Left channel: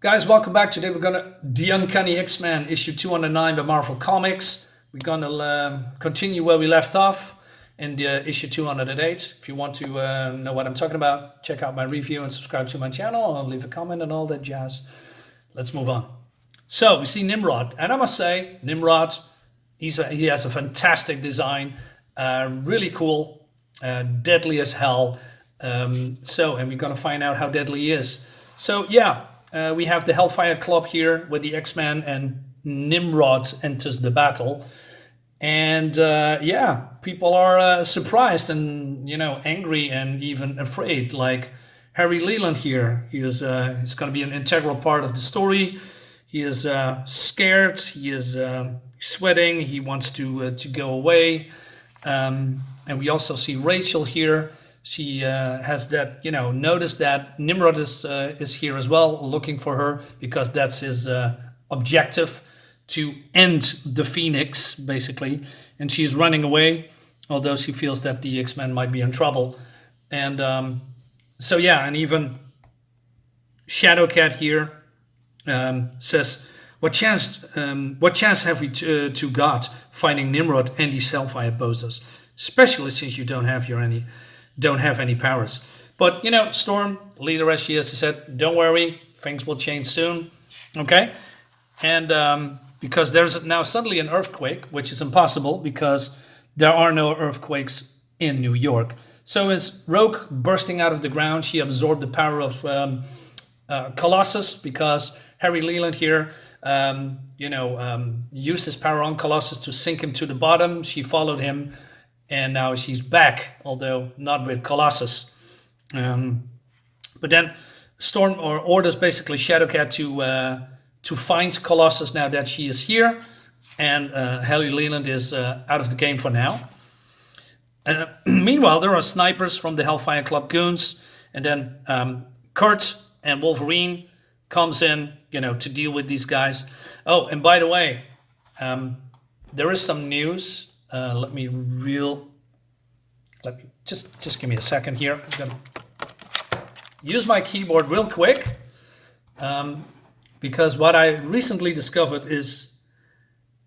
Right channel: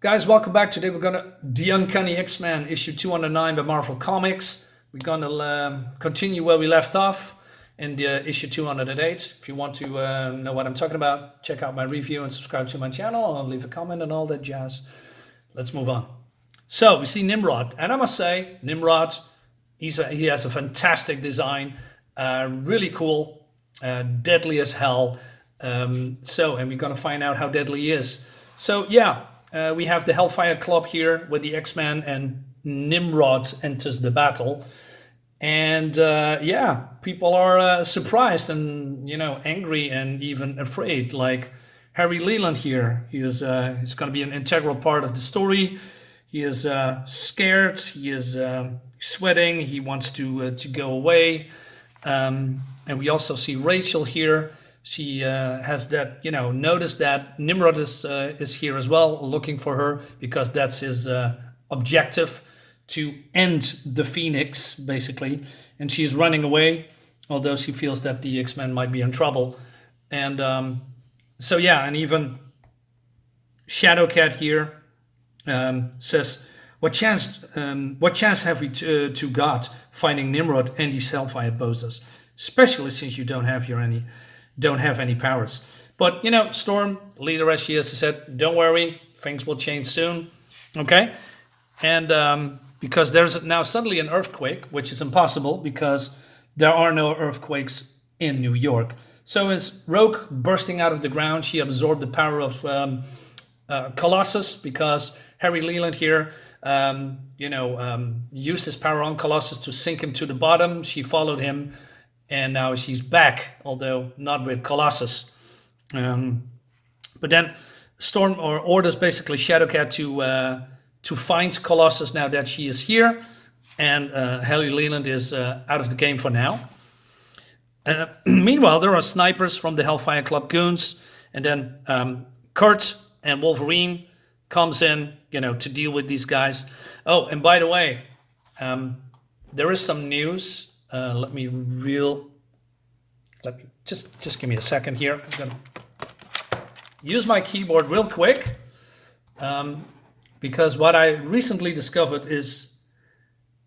Guys, welcome back. Today we're gonna The Uncanny X-Men issue 209 by Marvel Comics. We're gonna continue where we left off in the issue 208. If you want to know what I'm talking about, check out my review and subscribe to my channel. I'll leave a comment and all that jazz. Let's move on. So we see Nimrod, and I must say, Nimrod, he has a fantastic design, really cool, deadly as hell. And we're gonna find out how deadly he is. So yeah. We have the Hellfire Club here with the X-Men, and Nimrod enters the battle. And people are surprised and, angry and even afraid. Like Harry Leland here, he's going to be an integral part of the story. He is scared, he is sweating, he wants to go away. And we also see Rachel here. She has that, noticed that Nimrod is here as well, looking for her, because that's his objective, to end the Phoenix, basically. And she's running away, although she feels that the X-Men might be in trouble. And and even Shadowcat here says, what chance have we to God finding Nimrod and these Hellfire bozos, especially since you don't have any powers. But, Storm, leader as she is, said, don't worry, things will change soon, okay? And because there's now suddenly an earthquake, which is impossible because there are no earthquakes in New York. So as Rogue bursting out of the ground, she absorbed the power of Colossus, because Harry Leland here, used his power on Colossus to sink him to the bottom. She followed him. And now she's back, although not with Colossus. But then Storm orders basically Shadowcat to find Colossus now that she is here. And Harry Leland is out of the game for now. Meanwhile, there are snipers from the Hellfire Club goons. And then Kurt and Wolverine comes in, to deal with these guys. Oh, and by the way, there is some news. Let me just give me a second here. I'm gonna use my keyboard real quick, because what I recently discovered is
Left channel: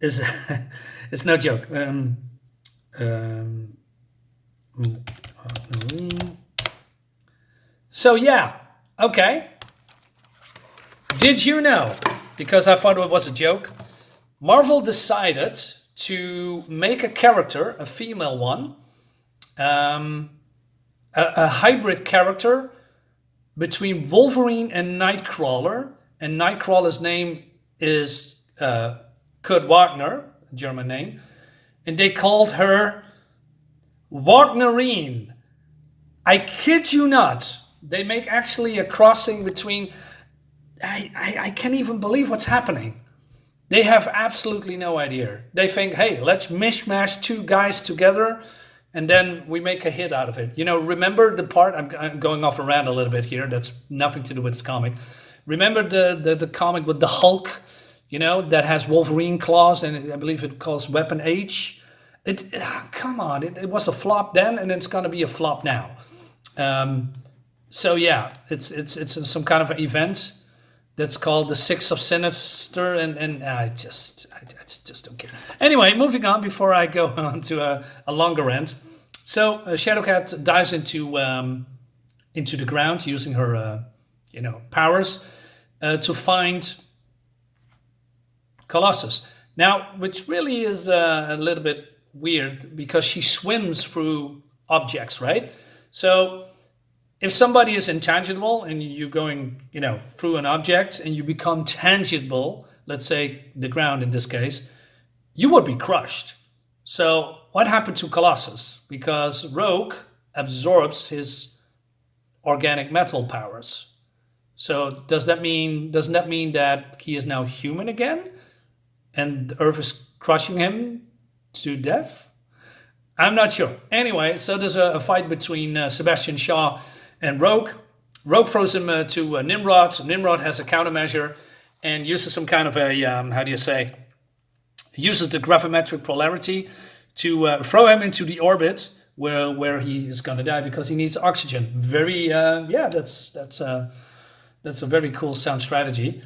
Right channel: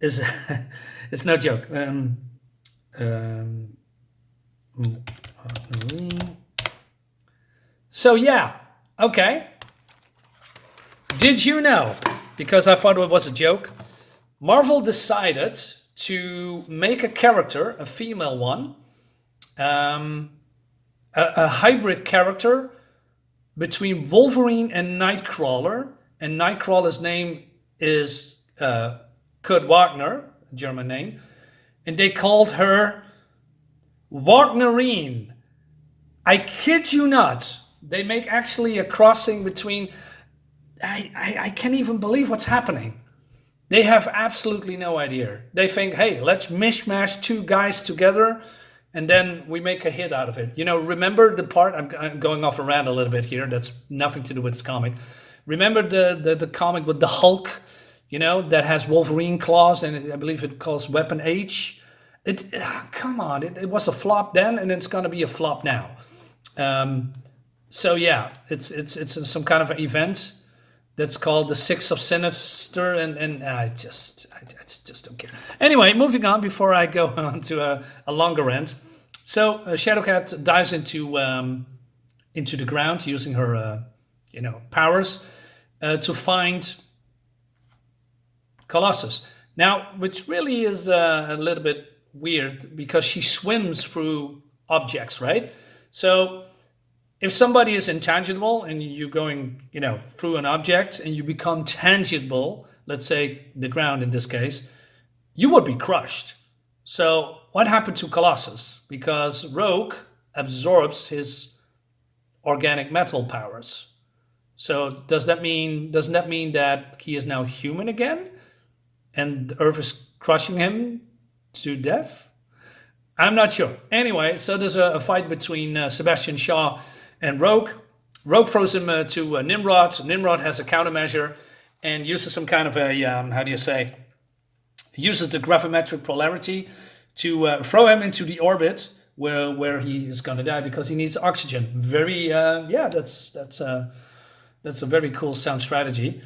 it's no joke. So yeah, okay. Did you know? Because I thought it was a joke. Marvel decided to make a character, a female one, a hybrid character between Wolverine and Nightcrawler. And Nightcrawler's name is Kurt Wagner, a German name. And they called her Wagnerine. I kid you not. They make actually a crossing between... I can't even believe what's happening. They have absolutely no idea. They think, hey, let's mishmash two guys together and then we make a hit out of it. Remember the part, I'm going off a rant a little bit here, that's nothing to do with this comic. Remember the comic with the Hulk, that has Wolverine claws, and I believe it calls Weapon H? Come on, it was a flop then, and it's going to be a flop now. It's some kind of an event that's called the Six of Sinister, and I just don't care. Anyway, moving on before I go on to a longer rant. So Shadowcat dives into the ground using her powers to find Colossus. Now, which really is a little bit weird, because she swims through objects, right? So if somebody is intangible and you're going, through an object and you become tangible, let's say the ground in this case, you would be crushed. So what happened to Colossus? Because Rogue absorbs his organic metal powers. So doesn't that mean that he is now human again? And the Earth is crushing him to death? I'm not sure. Anyway, so there's a fight between Sebastian Shaw and Rogue. Rogue throws him to Nimrod. Nimrod has a countermeasure and uses some kind of a, uses the gravimetric polarity to throw him into the orbit where he is going to die, because he needs oxygen. Very, that's That's a very cool sound strategy.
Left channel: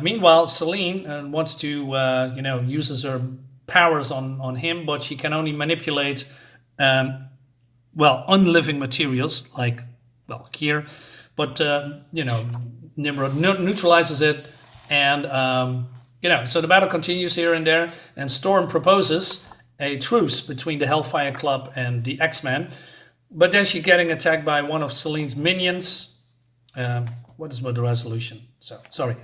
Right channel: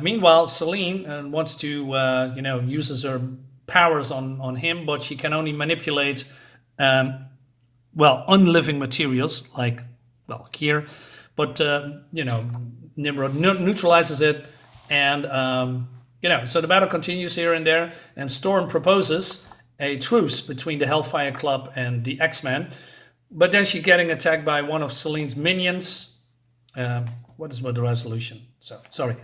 Meanwhile, Celine wants to, uses her powers on him, but she can only manipulate, unliving materials, like, here. But, Nimrod neutralizes it. And, so the battle continues here and there. And Storm proposes a truce between the Hellfire Club and the X-Men. But then she's getting attacked by one of Celine's minions. What is the resolution? So, sorry.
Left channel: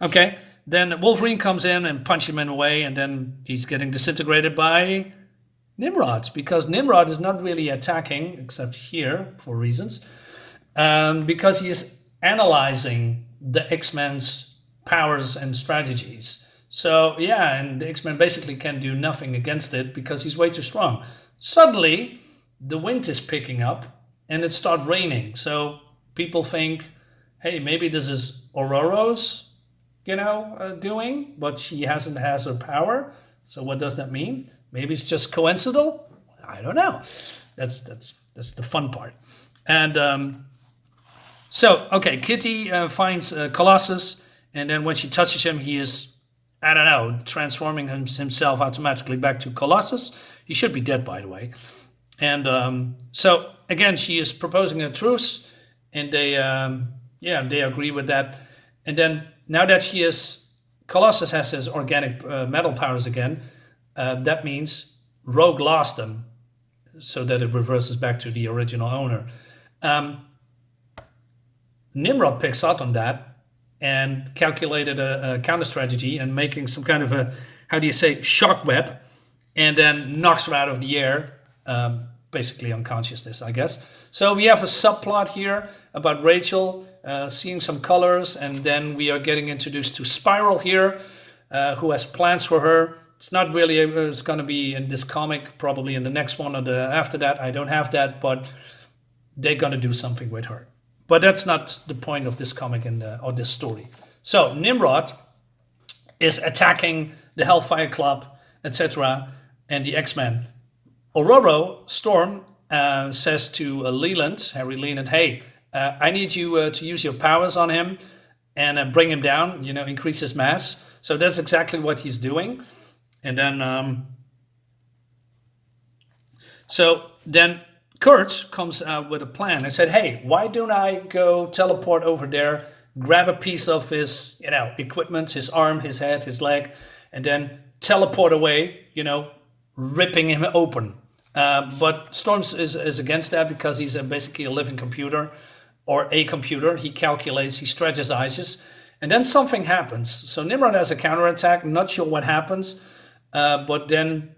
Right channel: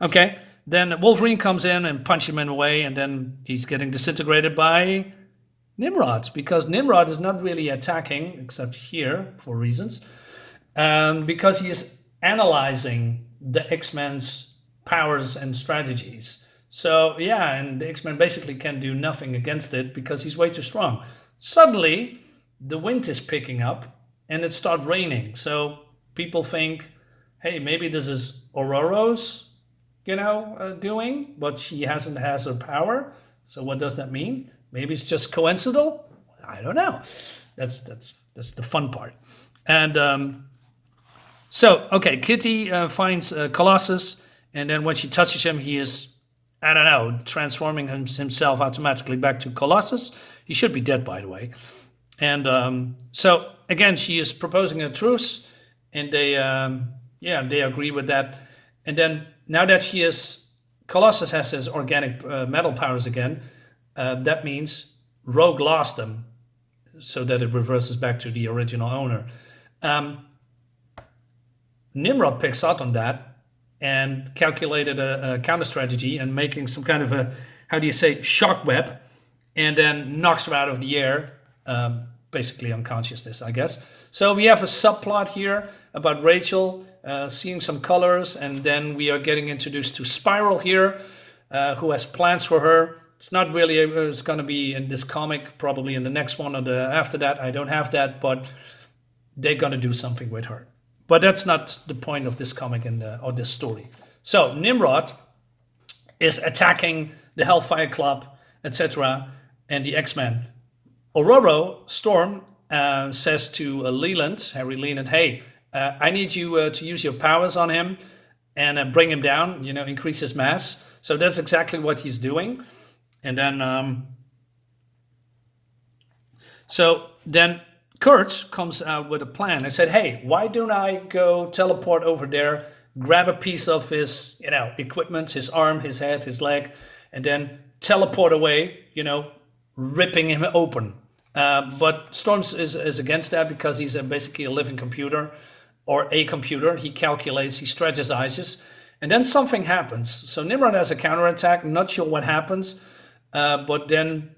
Okay, then Wolverine comes in and punches him away, and then he's getting disintegrated by Nimrod, because Nimrod is not really attacking, except here, for reasons, because he is analyzing the X-Men's powers and strategies. So, yeah, and the X-Men basically can do nothing against it because he's way too strong. Suddenly, the wind is picking up, and it starts raining. So people think, hey, maybe this is Aurora's, doing, but she has her power. So what does that mean? Maybe it's just coincidental? I don't know. That's the fun part. And Kitty finds Colossus, and then when she touches him, he is, transforming himself automatically back to Colossus. He should be dead, by the way. And again, she is proposing a truce, and they agree with that. And then now that Colossus has his organic metal powers again, that means Rogue lost them, so that it reverses back to the original owner. Nimrod picks out on that and calculated a counter strategy and making some kind of a, shock web, and then knocks her out of the air, basically unconsciousness, I guess. So we have a subplot here about Rachel seeing some colors, and then we are getting introduced to Spiral here, who has plans for her. It's not really, it's going to be in this comic, probably in the next one or the after that. I don't have that, but they're going to do something with her. But that's not the point of this comic or this story. So Nimrod is attacking the Hellfire Club, etc., and the X-Men. Aurora, Storm, says to Harry Leland, hey, I need you to use your powers on him and bring him down, increase his mass. So that's exactly what he's doing. And then Kurt comes out with a plan. I said, hey, why don't I go teleport over there, grab a piece of his, equipment, his arm, his head, his leg, and then teleport away, ripping him open. But Storms is against that because he's basically a living computer, or a computer. He calculates, he strategizes, and then something happens. So Nimrod has a counterattack, not sure what happens, but then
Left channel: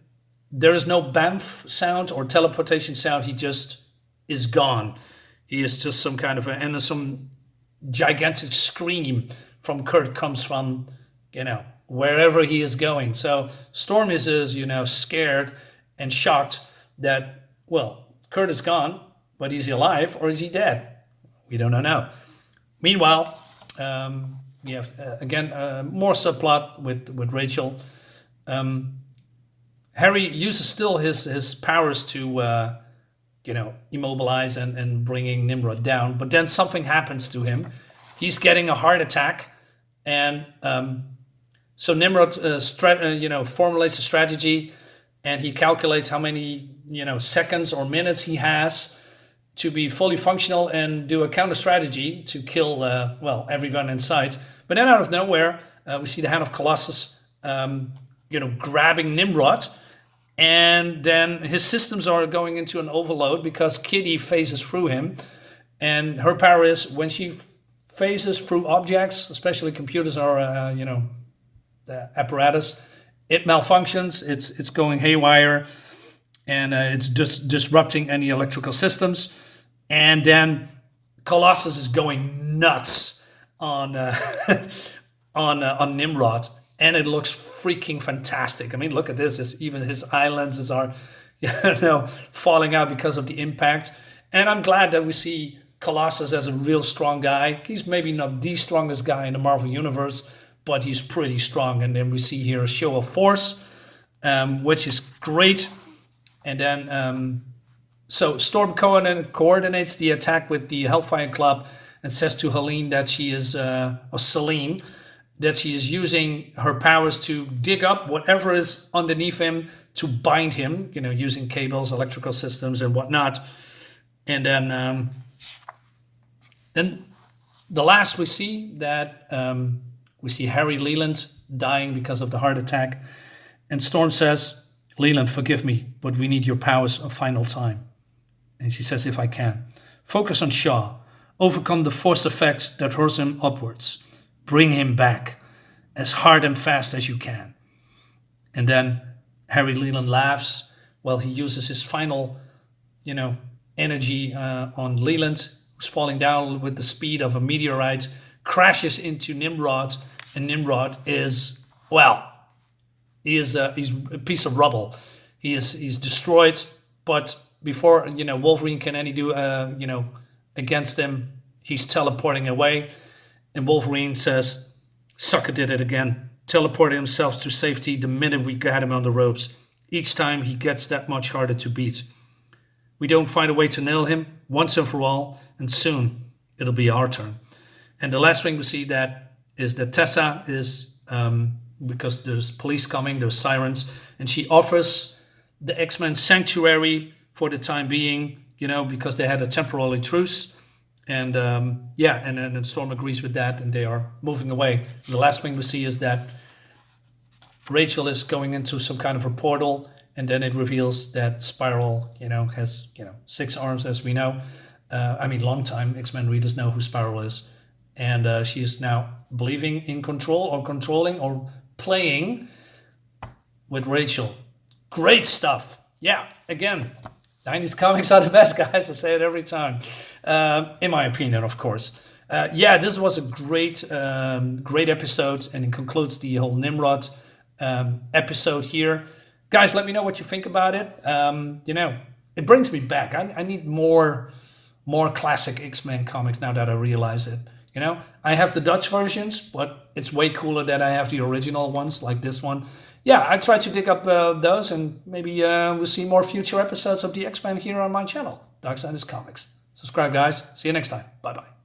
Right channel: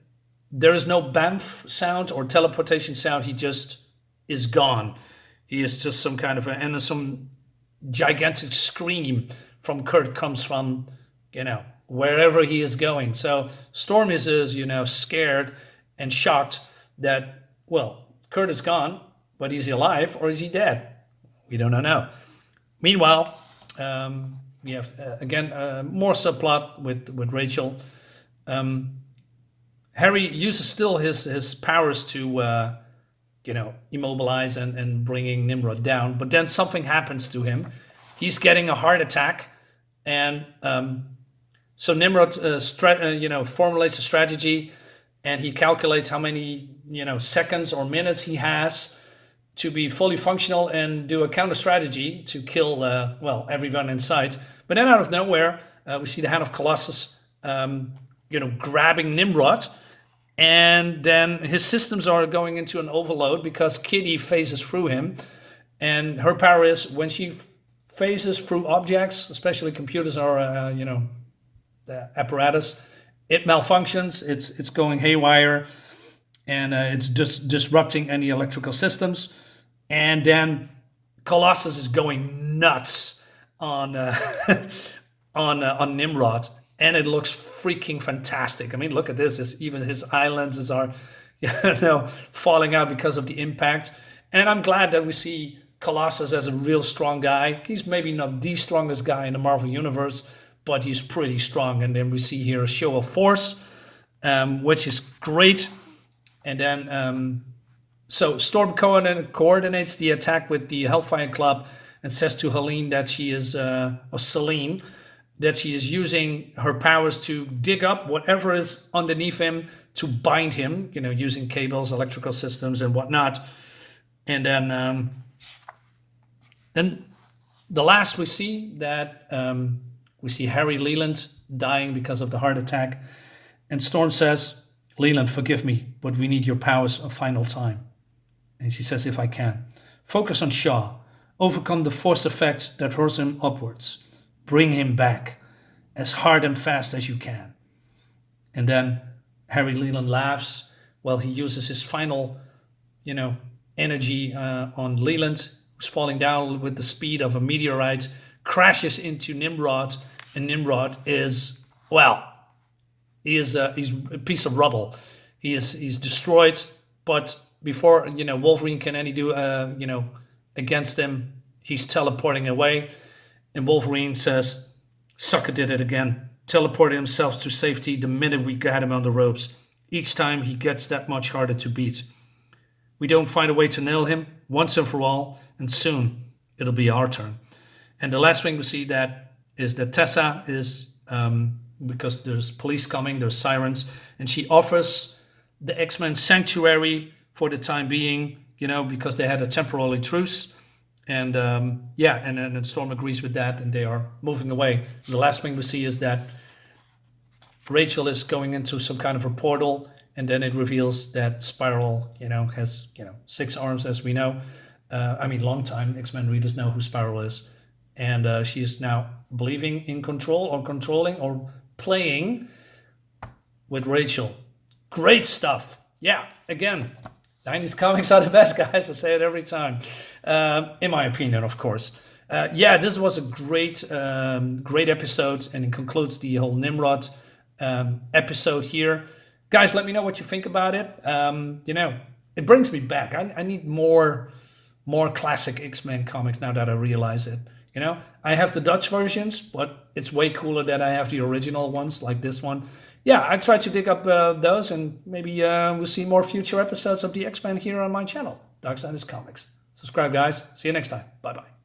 there is no BAMF sound or teleportation sound. He just is gone. He is just some kind of and some gigantic scream from Kurt comes from, wherever he is going. So Storm is scared and shocked that, Kurt is gone, but is he alive or is he dead? We don't know. Meanwhile, we have, again, more subplot with Rachel. Harry uses still his powers to, immobilize and bringing Nimrod down. But then something happens to him. He's getting a heart attack. And so Nimrod, formulates a strategy, and he calculates how many, seconds or minutes he has to be fully functional and do a counter strategy to kill, everyone in sight. But then out of nowhere, we see the hand of Colossus, grabbing Nimrod. And then his systems are going into an overload because Kitty phases through him. And her power is when she phases through objects, especially computers or, the apparatus, it malfunctions, it's going haywire, and it's just disrupting any electrical systems. And then Colossus is going nuts on Nimrod, and it looks freaking fantastic. I mean, look at this. Even his eye lenses are, falling out because of the impact. And I'm glad that we see Colossus as a real strong guy. He's maybe not the strongest guy in the Marvel Universe, but he's pretty strong. And then we see here a show of force, which is great. And then, so Storm coordinates the attack with the Hellfire Club, and says to Helene that she is, or Celine, that she is using her powers to dig up whatever is underneath him to bind him, using cables, electrical systems, and whatnot. And then the last we see that we see Harry Leland dying because of the heart attack. And Storm says, Leland, forgive me, but we need your powers a final time. And she says, if I can. Focus on Shaw. Overcome the force effect that hurls him upwards. Bring him back as hard and fast as you can. And then Harry Leland laughs while he uses his final, energy on Leland, who's falling down with the speed of a meteorite, crashes into Nimrod, and Nimrod is, he's a piece of rubble. He's destroyed, but before Wolverine can any do against him, he's teleporting away, and Wolverine says, "Sucker did it again. Teleported himself to safety the minute we got him on the ropes. Each time he gets that much harder to beat. We don't find a way to nail him once and for all, and soon it'll be our turn." And the last thing we see is that Tessa is, because there's police coming, there's sirens, and she offers the X-Men sanctuary for the time being, because they had a temporary truce. And and Storm agrees with that, and they are moving away. The last thing we see is that Rachel is going into some kind of a portal, and then it reveals that Spiral, has 6 arms, as we know. Long time X-Men readers know who Spiral is, and she is now believing in control, or controlling, or playing with Rachel. Great stuff. Yeah, again, 90s comics are the best, guys. I say it every time. In my opinion, of course. This was a great episode, and it concludes the whole Nimrod episode here. Guys, let me know what you think about it. It brings me back. I need more classic X-Men comics now that I realize it. I have the Dutch versions, but it's way cooler that I have the original ones, like this one. Yeah, I try to dig up those, and maybe we'll see more future episodes of the X-Men here on my channel, Dark Side is Comics. Subscribe, guys. See you next time. Bye-bye.